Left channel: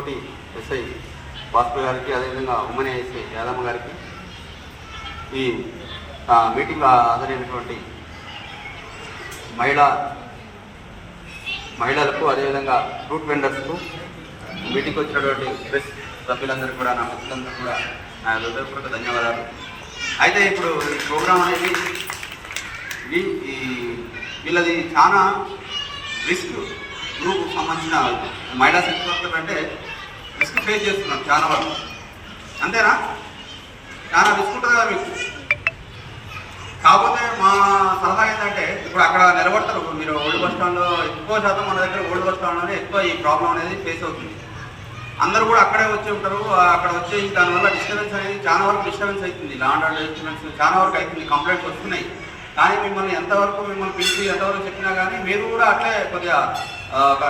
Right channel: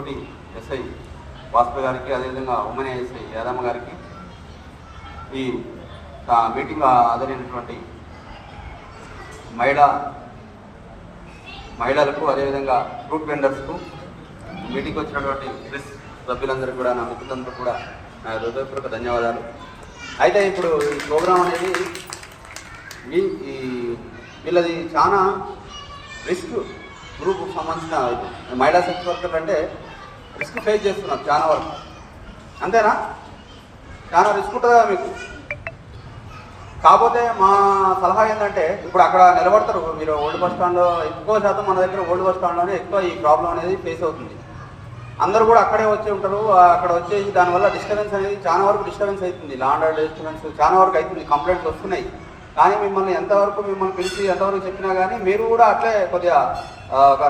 తోటి ఎస్ఐ భాస్కర్ గారికి అదేవిధంగా ఉమ్మని ఎస్ఐ యాదమ్మ గారికి ఈ మీటింగ్ ఆదరైనటువంటి మహిళా మహిళలకు అదేవిధంగా ఫ్రూట్ వెండర్స్కు మీటింగ్ వచ్చినటువంటి ప్రెస్ సభ్యులందరూ కూడా నా మిత్రులందరూ కూడా నా హృదయపూర్వక ధన్యవాదాలు. అయితే ఇప్పుడు ఈ ప్రోగ్రాం అనేది ఈ ఈ వీళ్ళది చాలా రిస్క్ గ్రూప్ సంబంధించిన మహిళా సెక్స్ వర్కర్ అంటే రిస్క్ ఫేస్ చేస్తున్నారు చాలా వాళ్ళు అంతేనా? చాలా రిస్క్ ఉంటుంది కదా మీకు. కాకపోతే మా సలహా ఏంటంటే ఇప్పుడు అక్కడ నిలబడతారు. మీరు ఓల్డ్ బస్ స్టాండ్లో ఎక్కువ శాతం మన దగ్గర ఓల్డ్ బస్ స్టాండ్లోనే ఎక్కువ ఈ ప్రాబ్లం అనేది ఫేస్ అవుతుంది. అందరూ కూడా అక్కడే వచ్చి ఉంటారు. అక్కడ వచ్చేసి దానివల్ల డిస్టర్బెన్స్ అనేది చాలా వరకు డిస్టర్బెన్స్ అవుతుంది. లాండ్ ఆర్డర్ డిస్టర్బెన్స్ చాలా వరకు అవుతుంది. కంప్లైంట్స్ వస్తున్నాయి. కానీ మిమ్మల్ని ఎంతవరకు మిమ్మల్ని పిలిచి ఎంతవరకు చెప్పినా కానీ మీరు కూడా అట్లే కొద్దిగా ఒక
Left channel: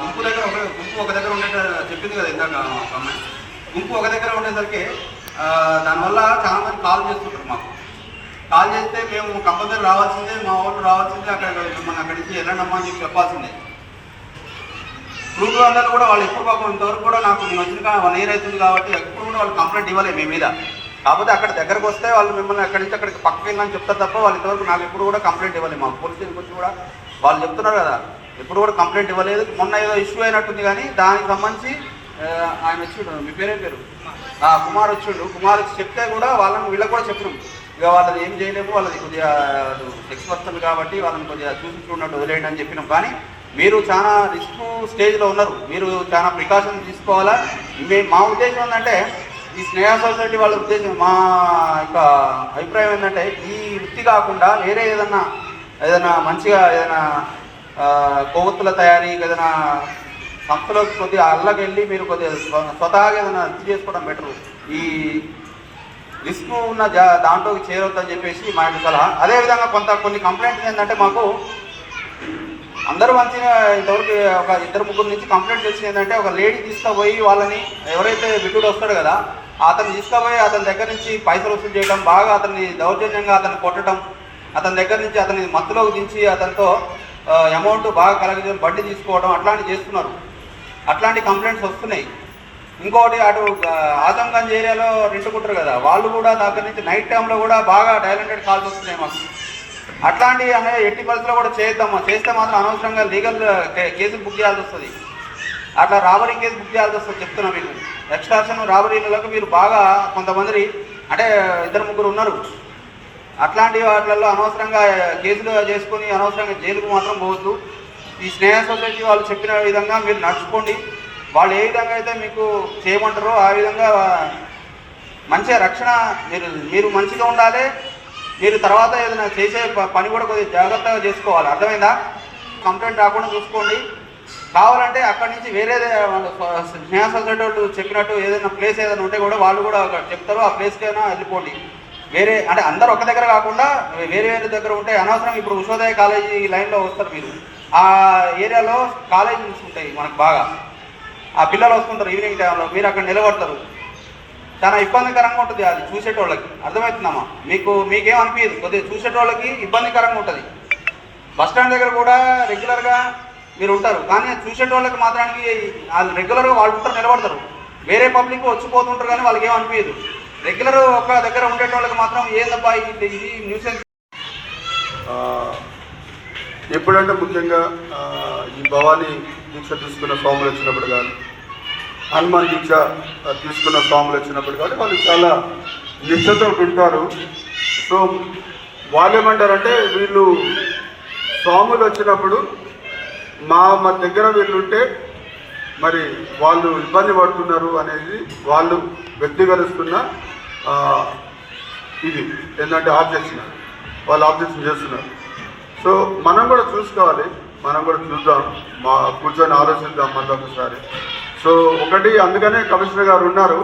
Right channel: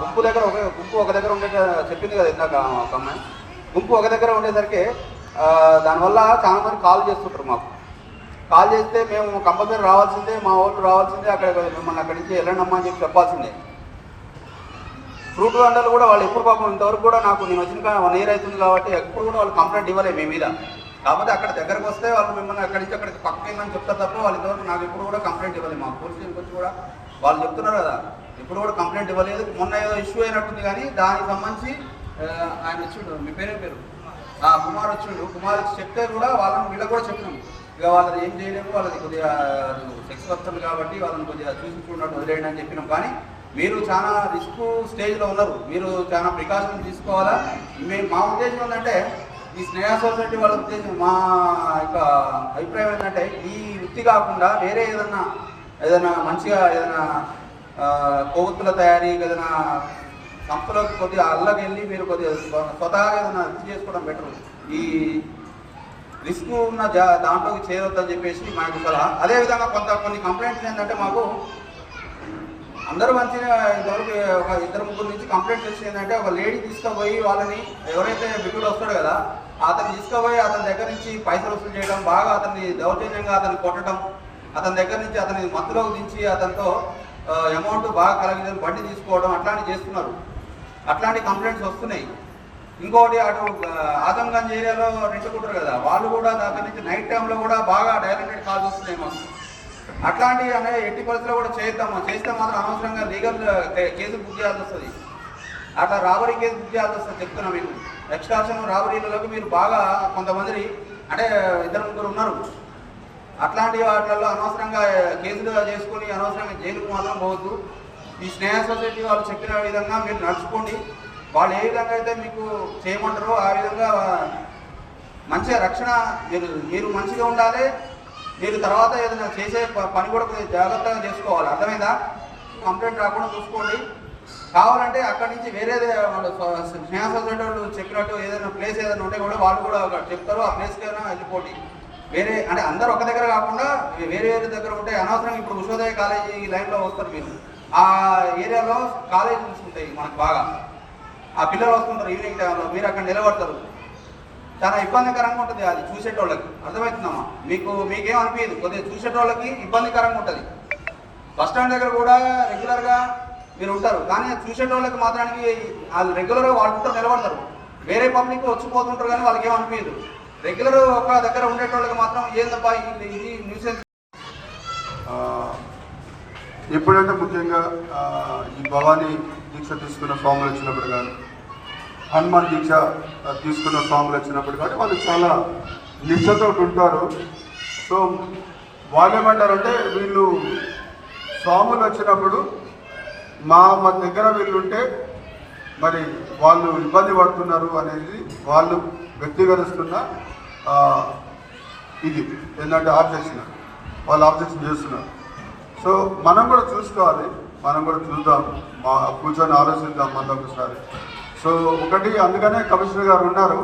గుంపు దగ్గర ఒక గుంపు ఒక దగ్గర ఉండే చెప్పింది కదా ఇందాక అమ్మాయి గుంపు ఒక దగ్గర ఉండేసరికి దానివల్ల చాలా మంది కాల్ చేస్తుంటారు మాకు. కాల్ చేస్తే మేము కంపల్సరీ రావాల్సిందే మా వాళ్ళు రావాల్సిందే అక్కడ మిమ్మల్ని అక్కడి నుంచి వెళ్ళండమ్మా అని చెప్పి చెప్పాల్సిందే. గ్రూప్లో అందరూ కూడా వాళ్ళు ఎప్పుడు పాపం ఇంతవరకు కూడా నాకు నేను వచ్చిన వన్ ఇయర్ అవుతుంది కాబట్టి ఎప్పుడు కూడా వాళ్ళు కంప్లైంట్ ఇవ్వలేదు మీ మీద. కాకపోతే అక్కడ దగ్గరకు వస్తే వాళ్ళు మిమ్మల్ని అక్కడి నుంచి అక్కడికి పక్కకి వెళ్ళని చెప్తారు తప్ప వాళ్ళు ఇంతవరకు నాకు ఎప్పుడు కూడా కంప్లైంట్ ఇవ్వలేదు. మా పోలీస్ స్టేషన్ గురించి కూడా వాళ్ళు చెప్తున్నారు కదా. ఎప్పుడు కూడా కంప్లైంట్ ఇవ్వలేదు. మొన్న ఏదో ఇష్యూ అయినట్టుంది కానీ దానికి సంబంధించి ఆయన వచ్చిండు. మీ పేరే పేరు? ఆ కుమార్ వచ్చిండు. కుమార్ వచ్చి చెప్తే కూడా వాళ్ళని వీళ్ళకి కూడా చెప్పినాం. ఇక వాళ్ళని ఏం చేయలేము. వాళ్ళది కొద్దిగా ఎక్స్పర్ట్లు కాబట్టి వాళ్ళని కొద్దిగా చూసుకున్నట్టు వదిలేయండి అని చెప్పినాం. కానీ మీరు చాలా రిస్క్ స్టేజ్లో ఉన్నారు. మీరు చాలా ప్రికాషన్ తీసుకోవాలా? మే మా ఉద్దేశం ఏంటంటే ఈ స్నేహ సొసైటీ వాళ్ళ ఉద్దేశం మా యొక్క అభిప్రాయం ఏంటంటే ఈ వృత్తి కాకుండా వేరే ఏదన్నా ఏదైనా మంచిగా ఏదైనా కొవ్వొత్తుల తయారీ ఏదైనా సంస్థలో కొద్దిగా అల్లకి వెళ్ళి మీరు కొద్దిగా స్వతహాగా ఏదైనా వృత్తి చేసుకోవడం బెటర్. ఈ రిస్క్ ఉన్న జా- దాంట్లోకి చేరొద్దని చెప్పేసి మా యొక్క సలహా. అదేవిధంగా కొంత కొన్ని కంప్లైంట్స్ ఏంటంటే మాకు అందరూ మంచిగా ఇంతవరకు ఒక ఇద్దరు ముగ్గురు నుంచి కంప్లైంట్స్ వచ్చింది ఏంటంటే ఒక లేడీ తీసుకుపోయి వాళ్ళని ఎవరైతే విటుడు వస్తాడు కదా అతను తీసుకుపోయి అతని దగ్గర నుంచి పైసలు వసూలు చేయడం బాగా అతన్ని దౌర్జన్యంగా అతను కొట్టడం అతని దగ్గర నుంచి అతని మత్తులోకి దించి అతనితో అమౌంట్ బాగా కలగజేసి బండి తీసుకోవడం అట్లాంటివి చేస్తున్నారు. అట్లాంటి కంప్లైంట్స్ వస్తున్నాయి. ఇంకోటి అటు ఆజంగంజ్ ఏరియాలో రెంటుకుంటారు కదా వాళ్ళు కూడా దగ్గర నుంచి నైట్ టైంలో కూడా బాగా డైలెంటెడ్ కాల్స్ వస్తున్నాయి మాకు. అట్లాంటి అనేది ఎట్టి పరిస్థితుల్లో కూడా చేద్దాము చేస్తే మాత్రం అనవసరంగా లీగల్ కేసులు బుక్ చేయాల్సి వస్తుంది. అట్లా రాబరీ కేసు బుక్ చేయాల్సి వస్తుంది చెప్తున్నా మీకు ఎక్స్ట్రాక్షన్ రాబరీలకు మీరు బాగా కొంతమంది అంటే ఇద్దరు ముగ్గురు ఉన్నారు. అట్లాంటి వాటిలలో అనవసరంగా కేసులు చేసుకుని అనవసరంగా జైలుకు మాత్రం పోవద్దు. ఈ స్నేహ సొసైటీ వాళ్ళు చెప్పిన విధంగా మీరు నడుచుకోండి. వాళ్ళు ఏ విధంగా అయితే మీకు చేయమంటారో ఆ విధంగా మంచిగా రక్షణ మీరు మీరు మంచిగా ఉండాలి. మీరు తర్వాత ఏదైనా చేసే ప- పని కూడా కొద్దిగా జాగ్రత్తగా చేసుకోవాలి. అర్థమైందా? కంప్లైంట్ రాకుండా చూసుకోండి. కావాలంటే అక్కడి నుంచి వేరే వాళ్ళు స్నేహ సొసైటీ వాళ్ళు చెప్పినట్టు ఏదైనా ప్లేస్ ఏదైనా ఉంటే కూడా వాళ్ళు కూడా అక్కడ చెప్తారు ఆ ప్లేస్కి అయినా వెళ్ళిపోండి. వేరే అంటే అందరు ఒక దగ్గర కాకుండా వేరే వేరే దగ్గర ఉంటే అనవసరం ఇప్పుడు ఉషోదయ కాలేజీ లైన్లో వస్తారు మీరు. ఆ ఏరియాలో కాలేజీస్ ఉంటాయి మనకు బాగా. ఆ పిల్లలు వస్తుంటారు ఈవినింగ్ టైంలో మీరు అక్కడ నిలబడతారు. చాలా ఇబ్బందికరంగా ఉంటుంది అది చూసేటోళ్ళకి. అర్థమవుతుందమ్మా? మీకు మీకేం అనిపించదు కొద్దిగా చూసేటోళ్ళకి ఇబ్బందికరంగా ఉంటుంది. బస్ స్టాండ్ దగ్గర కూడా రెగ్యులర్గా మీరు ఉంటారు కానీ చూసే వాళ్ళకి మాత్రానికి వాళ్ళు రెగ్యులర్గా వాళ్ళు ఉంటారు నిలబడతారు. వేరే పబ్లిక్ వచ్చిపోతుంటారు కానీ వాళ్ళకి ఏం అనిపించదు రెగ్యులర్ ఒక దగ్గర ఉండేటోళ్ళకి మాత్రం ఏదబ్బా ఇది ఇది న్యూసెన్స్ ఎప్పుడంటే ముఖ్యంగా ఈ భవానీ దీక్ష తీసుకున్న స్వాములు వచ్చినప్పుడు కానీ హనుమాన్ దీక్ష తీసుకున్న స్వాములు వచ్చినప్పుడు కానీ వాళ్ళు చాలా నిశ్చతో వింటారు. సో వాళ్ళు ఏమంటారంటే వీళ్ళు స్వాములు వచ్చినప్పుడు మా మా దగ్గర వెళ్ళుంటే మరి వాళ్ళు ఇబ్బంది పడుతున్నారు అనేది వాళ్ళు వ్యక్తీకరిస్తున్న ఇది ఏంటంటే ఆబ్జెక్షన్. వాళ్ళు ఆబ్జెక్షన్ చేస్తున్నారు. సో మనం కూడా చూసుకోవాలి మనం కూడా చూద్దాం మా కూర్చొని ఆలోచిద్దాం మళ్ళీ ఒకసారి. సో ఒకటి అందుకనే కమిషనర్ గారు ఉన్నారు.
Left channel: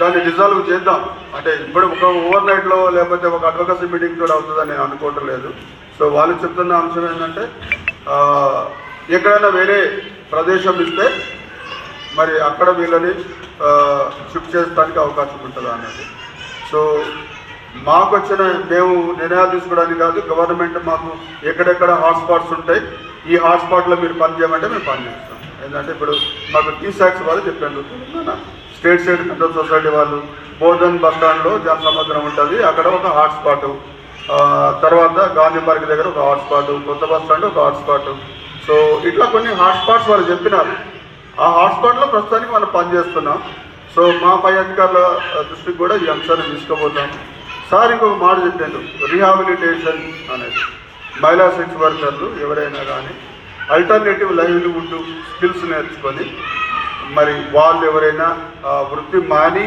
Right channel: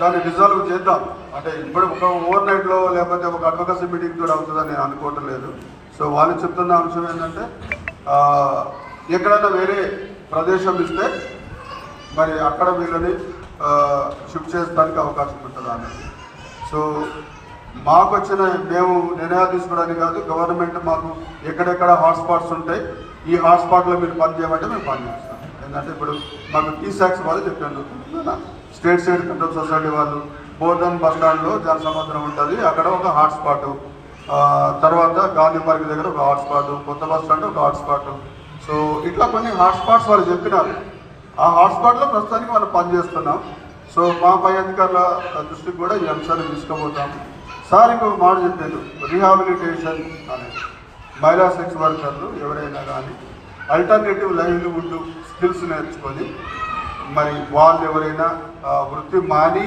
దాన్ని డిజాల్వ్ చేద్దాం. అంటే ఇప్పుడు ఒక ఓవర్ నైట్లో లేకపోతే ఒక అడ్వకసీ మీటింగ్ కూడా అవుతుందని నేను అనుకోవటం లేదు. సో వాళ్ళు చెప్తున్న అంశం ఏంటంటే ఎక్కడైనా వేరే ప్రదేశం ఇస్తే మరి అక్కడ వీళ్ళని షిఫ్ట్ చేసుకోవడానికి అవకాశం ఉంటుంది అనేది. సో మాకు వచ్చిన మేము నిర్ణయాలు తీసుకోవడానికి కాదు గవర్నమెంట్ మాకు ఎక్కడెక్కడ హాట్స్పాట్స్ ఉంటాయి ఈ హాట్స్పాట్లో మీరు పని చేయమంటే మేము పనిచేస్తాం ఏంటంటే ఇప్పుడు మాకు టీ సాక్స్ వాళ్ళు చెప్పారు. స్టేట్ స్టేట్ కంట్రోల్ సొసైటీ వాళ్ళు బోధన్ బస్ స్టాండ్లో జనసముద్రం ఉంటుంది అక్కడ ఒక హాట్స్పాటు తర్వాత గాంధీ పార్క్ దగ్గర ఒక హాట్స్పాటు కొత్త బస్ స్టాండ్ ఒక హాట్స్పాటు సో ఇట్లా కొన్ని హాట్స్పాట్స్ వారు చెప్పినారు. ఆ హాట్స్పాట్లో ప్రస్తుతానికి మనం పనిచేస్తున్నాం. సో మా పై అధికారుల దృష్టికి కూడా ఈ అంశాన్ని తీసుకుపోతాం. సార్ ఇంకొక మాట చెప్పారు. రీహాబిలిటేషన్ అనేది. మహిళా సెక్స్ వర్కర్లు ఎవరైనా కానీ అల్టర్నేటివ్ లైవ్లీవుడ్ స్కిల్స్ నేర్చుకొని మరి వాళ్ళు ఎవరైనా ఆ వృత్తి మాని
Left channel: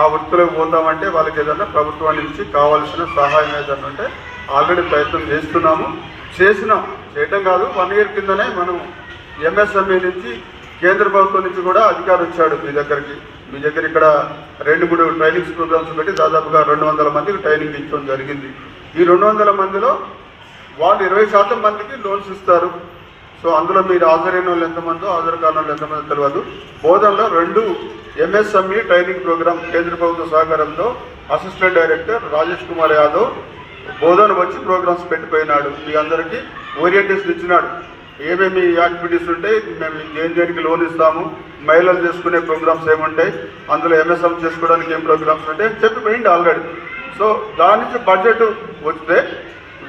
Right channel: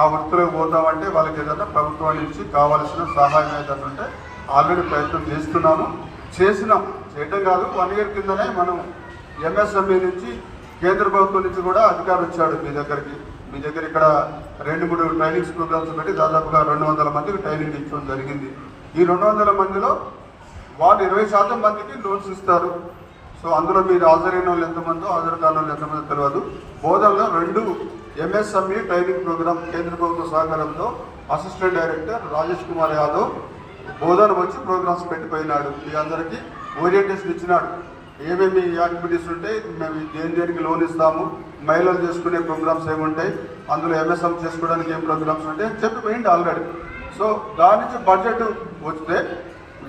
ఆ వృత్తిలోకి పోతామంటే వాళ్ళకి ఏదైనా ప్రభుత్వం నుంచి కావాల్సిన సహాయం ఏదైనా ఉంటే ఆల్రెడీ ప్రయత్నం చేస్తున్నాము. చేసినాం చేయటం కాదు వన్ ఇయర్ కిందనే మనం ఎంఎస్ఎంఈ నుంచి కేంద్ర ప్రభుత్వం నుంచి కూడా అధికారి వచ్చాడు మీ దగ్గరికి. మీ దగ్గర ఇక్కడ రెండు మూడు ట్రైనింగ్స్ ప్రోగ్రామ్స్ పెట్టి దాదాపుగా రెండు వందల మందికి ట్రైనింగ్ ఇచ్చడం జరిగింది. ఈ రెండు వందల మందిలో వాళ్ళు ఇరవై శాతం మందికి లోన్స్ ఇస్తారు. సో అందులో మీరు హాజరైన వాళ్ళు ఎంతమందో హాజరు కాని వాళ్ళు ఎంతమందో తెలియదు బోధనలో రెండు ఎంఎస్ఎంఈ ట్రైనింగ్ ప్రోగ్రామ్ కేంద్ర ప్రభుత్వ సహకారంతో అసిస్టెంట్ డైరెక్టర్ రాజేష్ కుమార్ యాదవ్ బోధన వచ్చి ప్రోగ్రామ్స్ పెట్టిపోయినాడు. మీ అందరికీ ఓరియంటేషన్ ఇచ్చినాడు. ఏమేమి యాక్టివిటీస్ ఉంటాయి మేము దేని దేనికి లోన్ ఇస్తాము మహిళలు చేసుకునే ప్రోగ్రామ్స్ ఏముంటాయి అందులో ఎంఎస్ఎం చేసుకోవడానికి ఏం ప్రోగ్రామ్స్ ఉంటాయి చెప్పిపోయింది ఆల్రెడీ. సో దాని నుంచి బడ్జెట్ వస్తే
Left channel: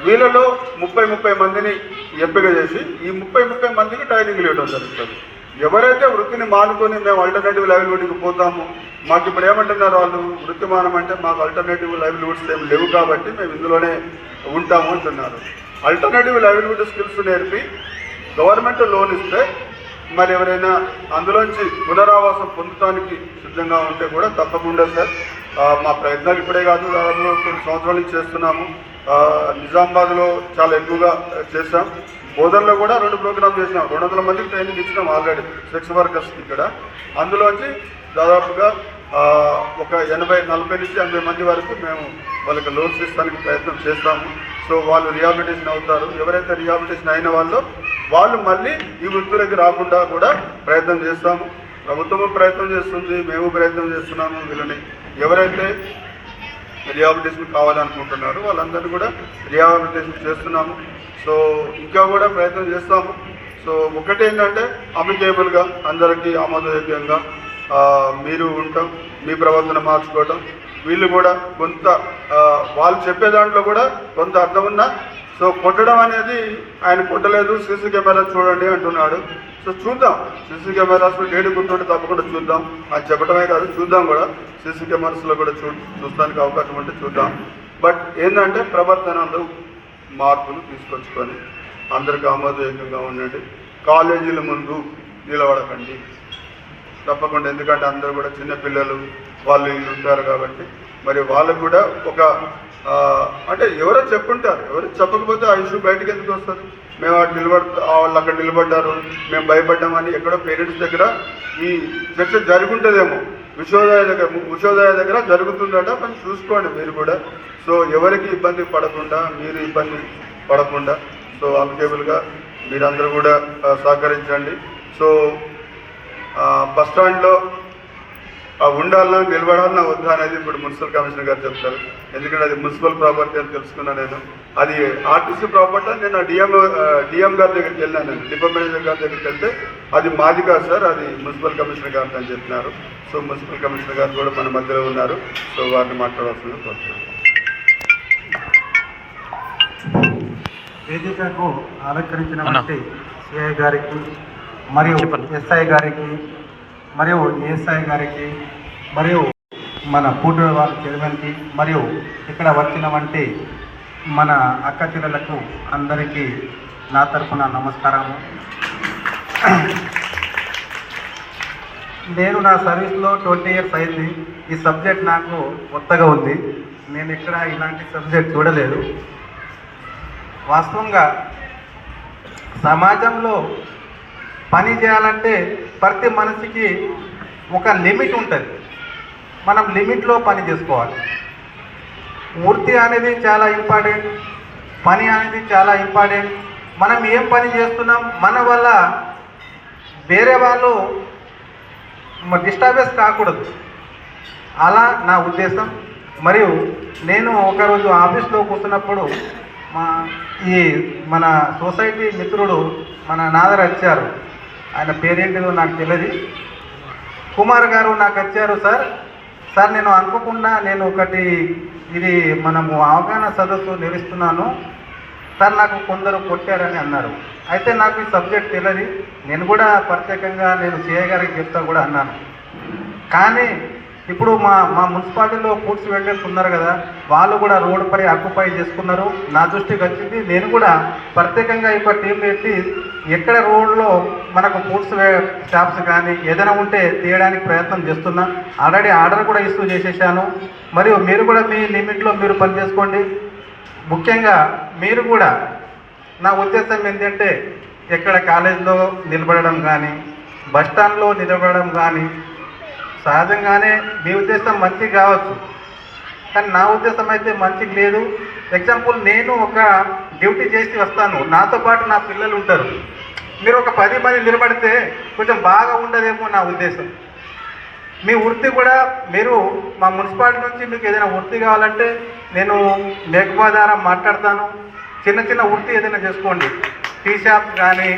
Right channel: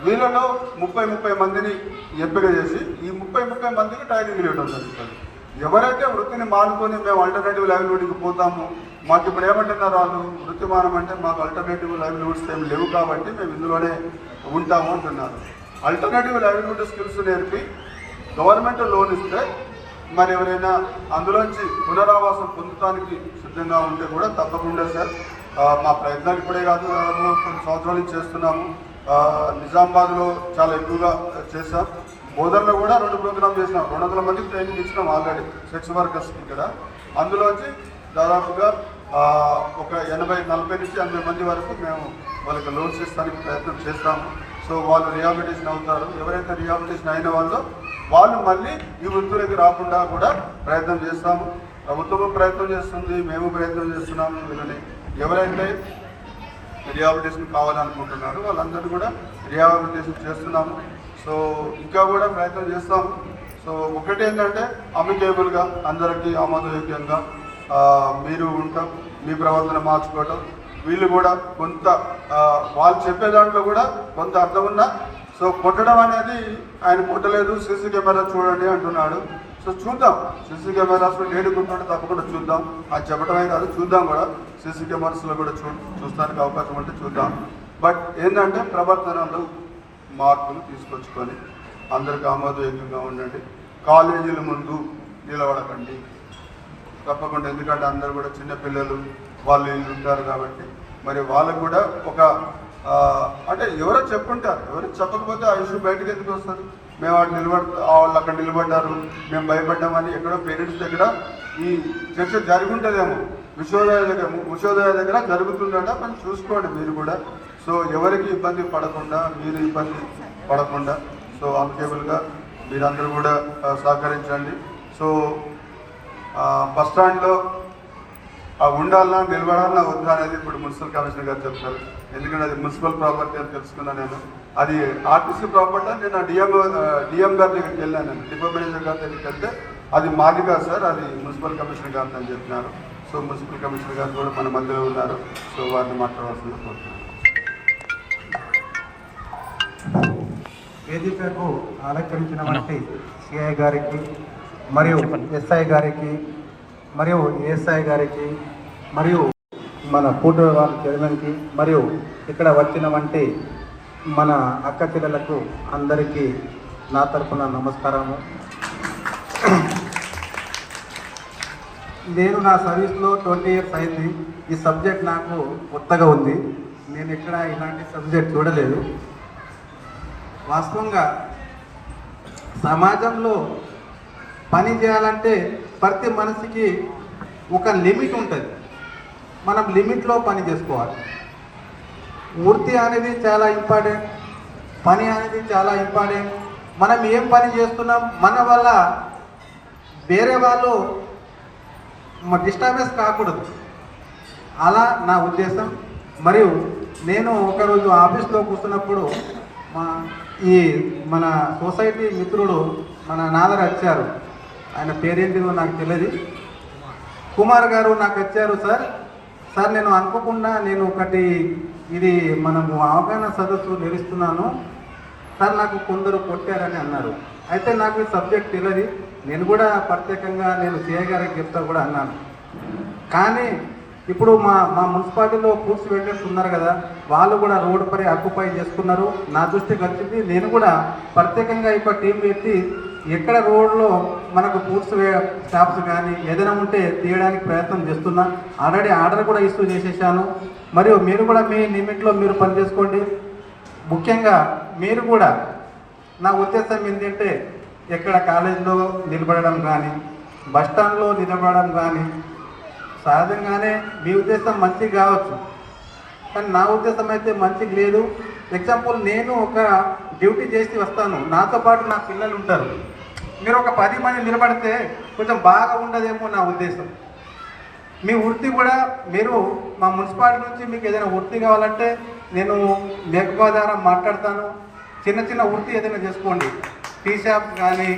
వీళ్ళలో ముప్పై ముప్పై మందిని ఎంపిక చేసి ఈ ముప్పై ముప్పై మందికి ట్రైనింగ్ ఇవ్వడం జరుగుతుంది. ఎవరైతే వృత్తిని మానుకొని మేము అల్టర్నేటివ్ లైవ్లీహుడ్కి పోతాము మాకు ఇప్పుడు ఏమంటున్నారు వాళ్ళు? వృత్తి అంటే మాకు అల్టర్నేటివ్ లైవ్లీవుడ్స్ ఏమి లేవు కాబట్టి మేము ఇందులోనే ఉంటాము అంటున్నారు. అల్టర్నేటివ్ లైవ్లీవుడ్ స్కిల్స్ నేర్పి గవర్నమెంట్ లోన్ ఇస్తే మరి ఎవరైనా అందులోంచి పునరావాసం పొందడానికి సిద్ధంగా ఉంటే కూడా తప్పకుండా సార్. మా ప్రయత్నాలు ఇప్పుడే కాదు దాదాపు కొన్ని సంవత్సరాల నుంచి చేస్తున్నాము. నిజామాబాద్లో చాలా ఎక్కువగా చేస్తాం బోధనలో కూడా రెండు ప్రోగ్రామ్ చేసినాం. రెండు వందల మందికి ట్రైనింగ్ ఇచ్చినాం ఆల్రెడీ సెక్స్ వర్కర్స్ ఇక్కడ. అందులోంచి దాదాపుగా ఒక ఎనభై నలభై నుంచి ఎనభై మంది వరకు మేము వాళ్ళకి లోన్స్ ఇస్తానికి ప్రయత్నం చేస్తాము. సో వాళ్ళు రిహాబిలిటేషన్ అవుతారు. ఎవరైతే రిహాబిలిటేషన్ అయిన వాళ్ళు వాళ్ళు మళ్ళీ ఈ వృత్తులకి రాకుండా కూడా ప్రయత్నం చేస్తాము. ప్రభుత్వం ప్రయత్నం చేస్తుంది మేము ప్రయత్నం చేస్తున్నాము వీళ్ళని. ఎవరైతే రిహాబిలిటేషన్ కావాలనుకుంటున్నారు వాళ్ళందరినీ కూడా రిహాబిలిటేషన్ చేస్తున్నాము. సో ఇంకా కూడా ప్రయత్నం చేస్తాము. సో ఒకటి ఏంటంటే అందరికీ ఆమోదయోగ్యంగా మీరు ఉండటం మీ ప్రవర్తన మార్చుకోవటం వీళ్ళు కూడా కొంత వాళ్ళు చెప్పే దాంట్లో కూడా కొంత అర్థం ఉన్నా సో కొట్టడం అనేది ఆయన కొట్టలేదు సీసీ కెమెరా చూడండి అంటున్నాడు. సో చూద్దాం సీసీ కెమెరాస్లో డేట్ గుర్తుంటే తప్పకుండా చూద్దాం. అది చెప్పడమే కాదు చూద్దాం కూడా. సీసీ కెమెరాస్లో కూడా చూ చూస్తానికి అవకాశం ఉంటే చూద్దాం. బట్ ఏంటంటే ప్రవర్తనలు మార్పులు తీసుకొచ్చుకొని అందరికీ ఆమోదయోగ్యంగా ఉండండి. కాలేజీల ముందు నిలబడకండి. తప్పకుండా ఎందుకంటే అందరూ కూడా చిన్నపిల్లలు వాళ్ళు వీళ్ళు ఉంటారు కాబట్టి. మరి వాళ్ళకు కూడా ఒక అంటే ఎవరో చెప్పుంటారు. ఎవరో చెప్పకపోతే ఆ ఇష్యూ బయటకు ఎందుకు వస్తారు మేము అక్కడ నిలబడ వాళ్ళు అక్కడ నిలబడ్డారు మేము భయపడ్డామని ఎక్కడో పేరెంట్స్ దగ్గర ఈ చర్చ జరుగుంటుందేమో. విశ్వోదయ దగ్గర విశ్వోదయ దగ్గర జరుగుతుందట మనం చూసుకోండి మీరు కూడా. సో ఎవరికి ఇబ్బంది పడకుండా మీరు ఇబ్బంది పడకుండా సో అమికేబుల్గా మీరందరూ కూడా సహకరించండి. సో బస్ స్టాండ్లో ఆ ఉండాలన్నా నిలబడాలన్నా వద్దా అనేది ఇప్పుడు మున్సిపల్ కమిషనర్ గారు చెప్తారు. ఎందుకంటే అది మున్సిపల్ ప్రాపర్టీ అని తెలుసుకున్నా నేను. అది ఆర్టీసీ ప్రాపర్టీ నేను డిఎం డిఎం గారి దగ్గరికి వెళ్ళాను నేను. డిపో మేనేజర్ గారి దగ్గరికి వెళ్తే అది మాది కాదు సార్ అది మున్సిపల్ కమిషనర్ గారు అని చెప్పినారు. సో మున్సిపల్ కమిషనర్ గారు కూడా మన మధ్యలో ఉన్నారు. సో వారిని మాట్లాడాల్సిందిగా కోరుతున్నాను. వేదికకు అలంకరించినటువంటి సిఐ గారికి మరియు ఎస్ఐ గారికి మరియు ఏఎస్ఐ గారికి మరియు మన పూట వాళ్ళ చైర్మన్కి మరియు ఇక్కడ వచ్చినటువంటి మన అక్క చెల్లెలకు అందరికీ నా తరపున నమస్కారము. నేను నా సర్వీస్లో ట్వంటీ ఇయర్స్ అయింది. ఈ సబ్జెక్ట్ నాకు కొత్తగా ఉంది. నేను ఇక్కడ ఇలాంటి సబ్జెక్ట్ చూడలేదు. వాస్తవంగా సమాజంలో పని చేయాలంటే ప్రతి మనిషికి ఒక లిమిట్ ఉంటుంది. మనం లిమిట్లో పని చేసుకోవాలి. వృత్తి అనేది చాలా ఇంపార్టెంట్. పని అనేది చాలా ఇంపార్టెంట్. మనం ఏం పని చేస్తున్నాం? మన వల్ల వేరే వాళ్ళు డిస్టర్బెన్స్ కాకూడదు. అలా నా ఉద్దేశం. మరియు నేను ఒకరోజు ఆఫీస్లో కూర్చున్నప్పుడు మా ఈ మన సొసైటీ మిత్రుడు మన నాదర్ వచ్చారు. ఆయన పేరేంటిదో నాకు తెలియదు కుమార్ గారు నాకు వచ్చారు సార్. సార్ నేను అనుకోకుండా నేను ఒకటి ఇది మనము అవగాహన సదస్సు నిలుస్తున్నాను సార్ నాకు కొందరు కొట్టారని అన్నారు. అయితే నాకు ఈ సబ్జెక్ట్ తెలియదు నేను కూడా ప్రత్యేకంగా నేను సిఐ చెప్తాను కూడా అన్నాను. కానీ ఇప్పుడు మా మా మున్సిపాలిటీలో ఫుడ్స్ వెండర్స్ ఉన్నారు కదా వాళ్ళు కూడా రోడ్ పై ఆక్యుపై చేసుకున్నారు. నా దృష్టికి వచ్చింది నేను కూడా ప్రత్యేకంగా ఇప్పుడు టీం పెట్టి ఎక్కడ రోడ్లో మనకు ఫుడ్స్ షాప్స్ కానీ ఏదైనా ఉంటే తీయడానికి ప్రయత్నం చేస్తున్నా. ఆల్రెడీ ఆర్డర్ కూడా ఇష్యూ చేసేసాను. మరియు మీరు కూడా మీ లిమిట్లో మీరు పని చేసుకోండి ముఖ్యంగా మీరు కూడా నా ఉద్దేశం ఏంటంటే ఎక్కడ కాలేజీలో నిలబడడం కానీ బస్ స్టాండ్లో నిలబడడం కానీ సహజంగానే మీ ఉద్దేశం మంచి కావచ్చు. కానీ నా ఉద్దేశం అయితే మంచికి లేదు. ఎగ్జాంపుల్ నేను ఒక డ్యూటీ చేసి వస్తాను. నాతో పాటు నా పిల్లలు ఉంటారు. మీరు ఒక పది మంది నిలబడితే కొంచెం బాగా ఉండదేమో నా ఉద్దేశం. మీ వృత్తి కూడా మీరు మా మున్సిపాలిటీ నుంచి మీకు ఏదైనా వృత్తి కావాలంటే నేను మేఘమా ద్వారా మాట్లాడతాను. చిన్న చిన్న వృత్తి ఏదైనా చేసుకోండి. టీ షాప్ కానీ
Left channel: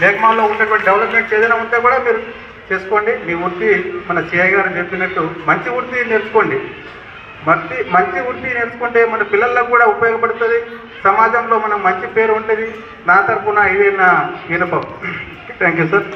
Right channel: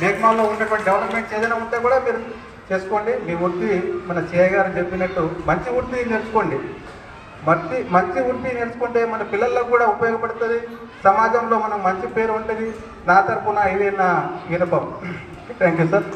మేఘమాలో ఉండేటువంటి డెవలప్మెంట్స్ ఏదైనా ఉంటే కూడా మీరు చేసుకోండి. మీ వృత్తి మన సిఐ గారు చెప్పినట్టు మంచి వృత్తి నేర్చుకోండి. మంచి మంచి వృత్తి నేర్చుకుంటే మన పిల్లలకు కూడా ఉపయోగపడుతుంది. సమాజంలో మనం మంచి పేరు ఉంటుంది. నా తరపున ఇదే నా వినపం. Thank you sir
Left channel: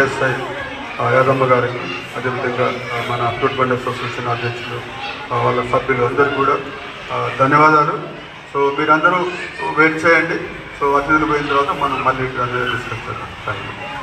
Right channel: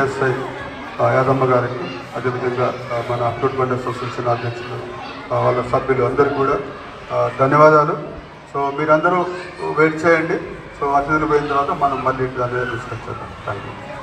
ASI Yadamma గారికి అదేవిధంగా మన అప్రూట్ అసోసియేషన్ అధ్యక్షులు వాళ్ళ సభ్యులు అందరికీ కూడా ధన్యవాదాలు. సో మీరందరూ వెయిట్ చేయండి. సో అతిథులు పోయిన తర్వాత మనం మళ్ళీ డిస్కస్ చేద్దాం థ్యాంక్ యూ